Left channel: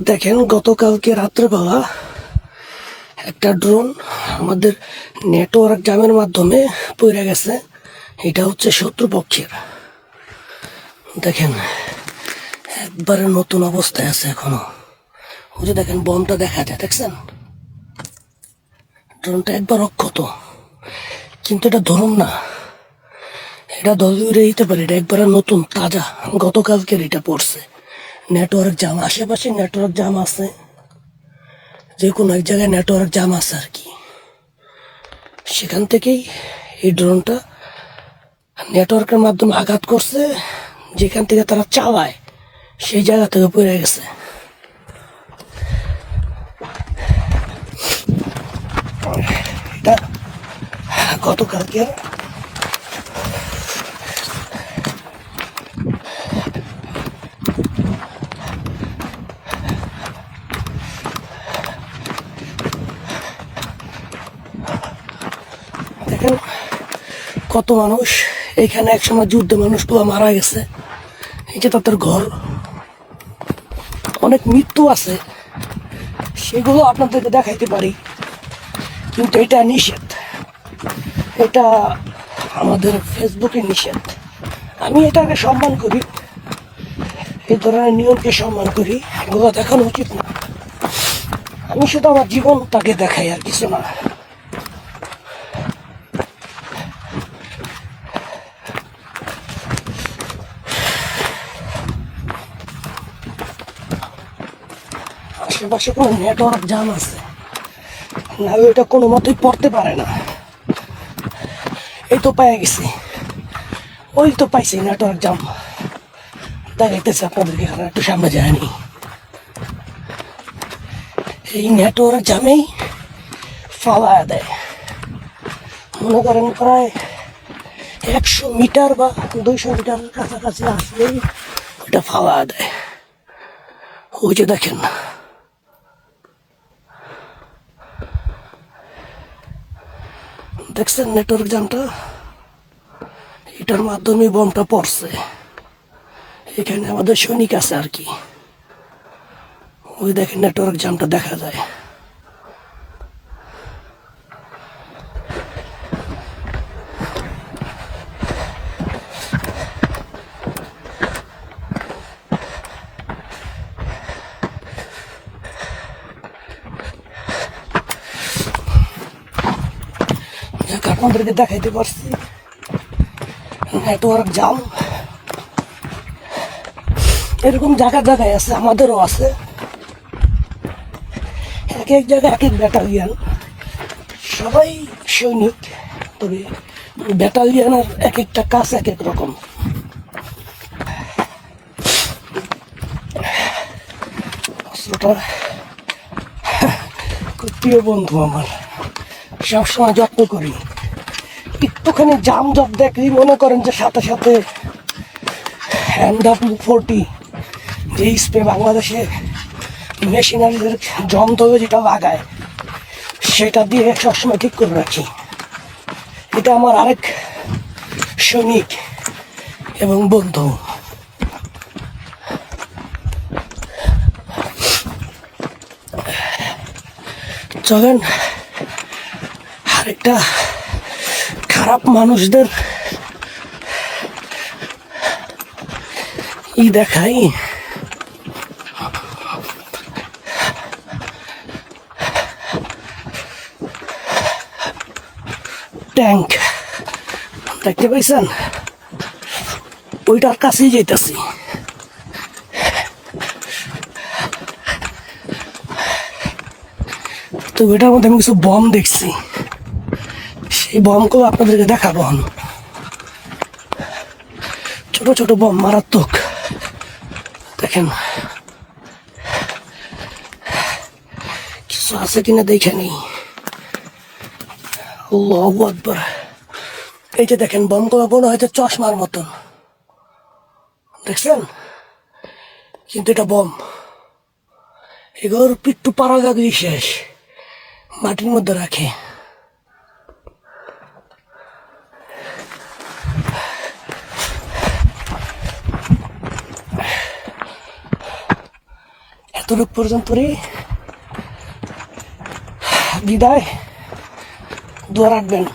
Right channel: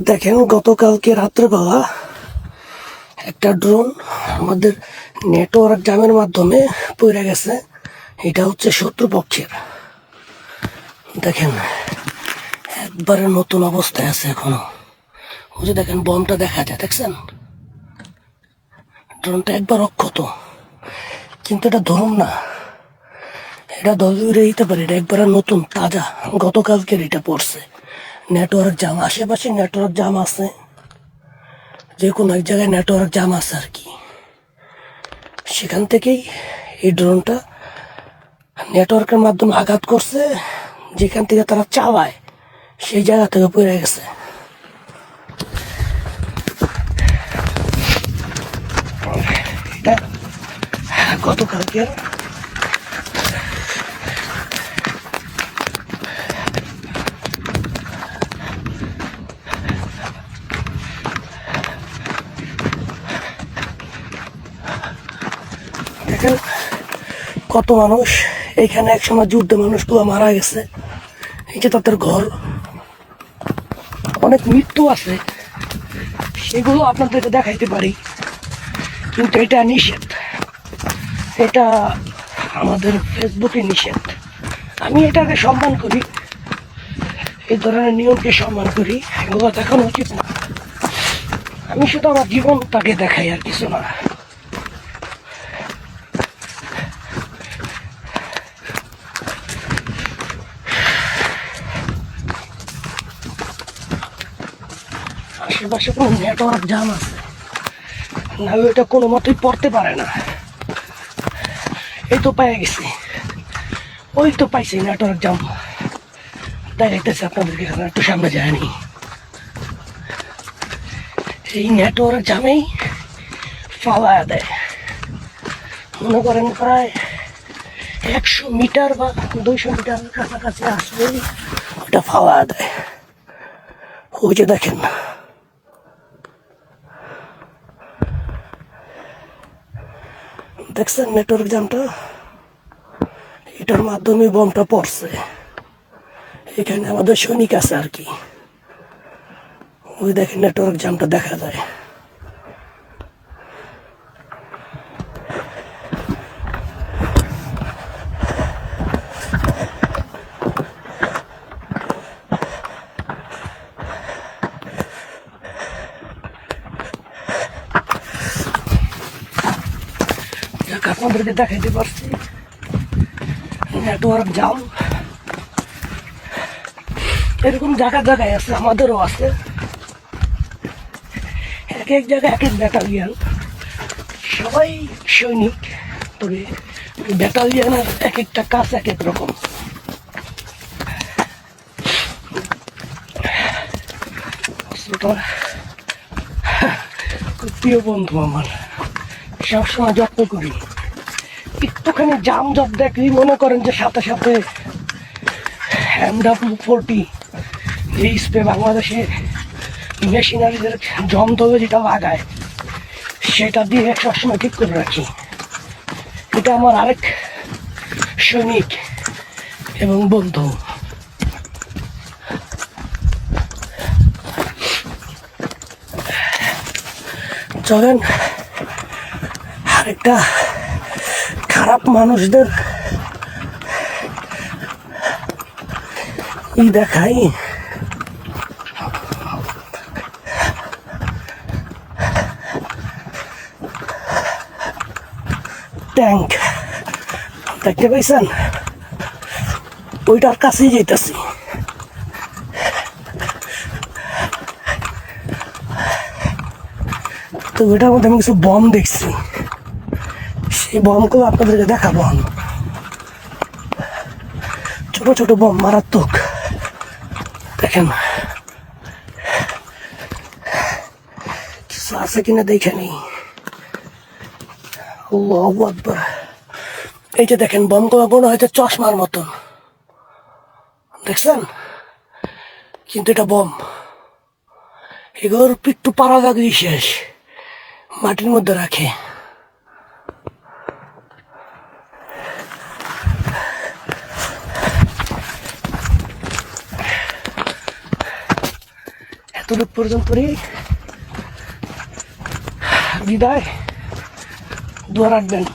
দেখেন, গতকালকে রাত্রেবেলা একটা ড্রোন আমাদের নেটওয়ার্ক জামের মাধ্যমে পড়ে গেছে। এটা হচ্ছে শত্রুপক্ষের। দেখেন, একবারে নতুন অবস্থায় আছে এখনও। ওই দেখেন বমটা দেখা যায়, দেখছেন? ড্রোনটা একবার অক্ষত। কিন্তু এটা ধরুন না। এটা দলিউরে দিতে পারি, এটা একবারে নতুন, তাজা। গতকালকের এটা পড়ছে। নেটওয়ার্ক জাম আশেপাশে নেটওয়ার্ক জাম আছে। যে কোনো এক জায়গায় নেটওয়ার্ক জাম আছে আর কি। সেখান থেকেই এই ড্রোনটা নেটওয়ার্কের মাধ্যমে আঘাত করছে। যেখান থেকে তারা চালায়, সেই জায়গা থেকে পড়ে গেছে। গতকালকে দেখেন কত মানুষ। এখানে একসময় যুদ্ধে মানুষগুলো মারা গেছে। এটা তাদের ঘর। অনেক মৃত্যু আছে। সেগুলো আপনাদেরকে দেখাইতে পারি। কিন্তু এটা নিষেধ। এটা আমাদের ফেসবুকে নিষেধ। আমি এটাকে সম্মান করি। এই ধরনের নিয়মকে সম্মান করি। এগুলো দেখানো উচিত না। আমি শুধু আমার জীবনটাকে দেখাই আর কিছু না। আশেপাশে কোনো নেটওয়ার্ক জাম আছে। না এটা কোনো মতেই পড়তে পারে না। এই তো পেয়ে গেছি। ওই তো পাইছি নেটওয়ার্ক জাম তাই দেখতেছি আপনাদেরকে একটু সামনে যায়নি এই নেটওয়ার্ক জামেই ফালায়া দেয়। মনে করেন প্রায় একশো মিটার বা দুইশো মিটার কাছাকাছি আসলেই ওটা ফালায়া দেয়। ওই যে দেখেন। দেখছেন নেটওয়ার্ক জামটা এটার মাধ্যমে বমটা পড়ছে। এখানে আমাদের সৈনিক আছে আর কি। ওই দেখেন নেটওয়ার্ক জামটা দেখা যায়। আপনাদেরকে দেখাইতে পারছি। নেটওয়ার্ক জাম এরকম জায়গায় জায়গায় আছে, আমাদেরও আছে। এক এক জায়গায় এক এক ব্যাটালিয়ান সবাই সৈনিক, তবে ব্যাটালিয়ানের এক একটা কাজ এক এক রকম। প্রিয় বন্ধু আমার, সবসময় যত্ন করি। একটুখানি জাম জব দেখলেই মনে করেন যে সাথে সাথে হ্যান্ডাপ ফোরটি যে স্প্রে বাংলাদেশে মেশিনারিদের যন্ত্রে যেটা লাগায়, সেটা দিয়ে সবসময় ঠিক করে রাখি। এটা আমার আরেক সৈনিক এবং বন্ধু। চলেন, আরেকটা খারাপ মানুষদের ই দেখাই ট্যাঙ্ক দেখতে পাইছেন ওইটার কাছেই যেতেছি তো ওইটার মধ্যে আমি কিছু বম দেখছি সেই বমগুলো আপনাদেরকে দেখাবো ছোট ছোট বম মারাত্মক। দেখেন। কিছু আছে কিনা দেখে নেই। আকবার। এই যে দেখেন বমগুলো মনে হয়তো চশমার মতন। দেখছেন? কিন্তু এটা বম এগুলোর একটু পাড়া শেষ। মাটির মধ্যে রাখে। tudo por Dampuri Bidai Duaragban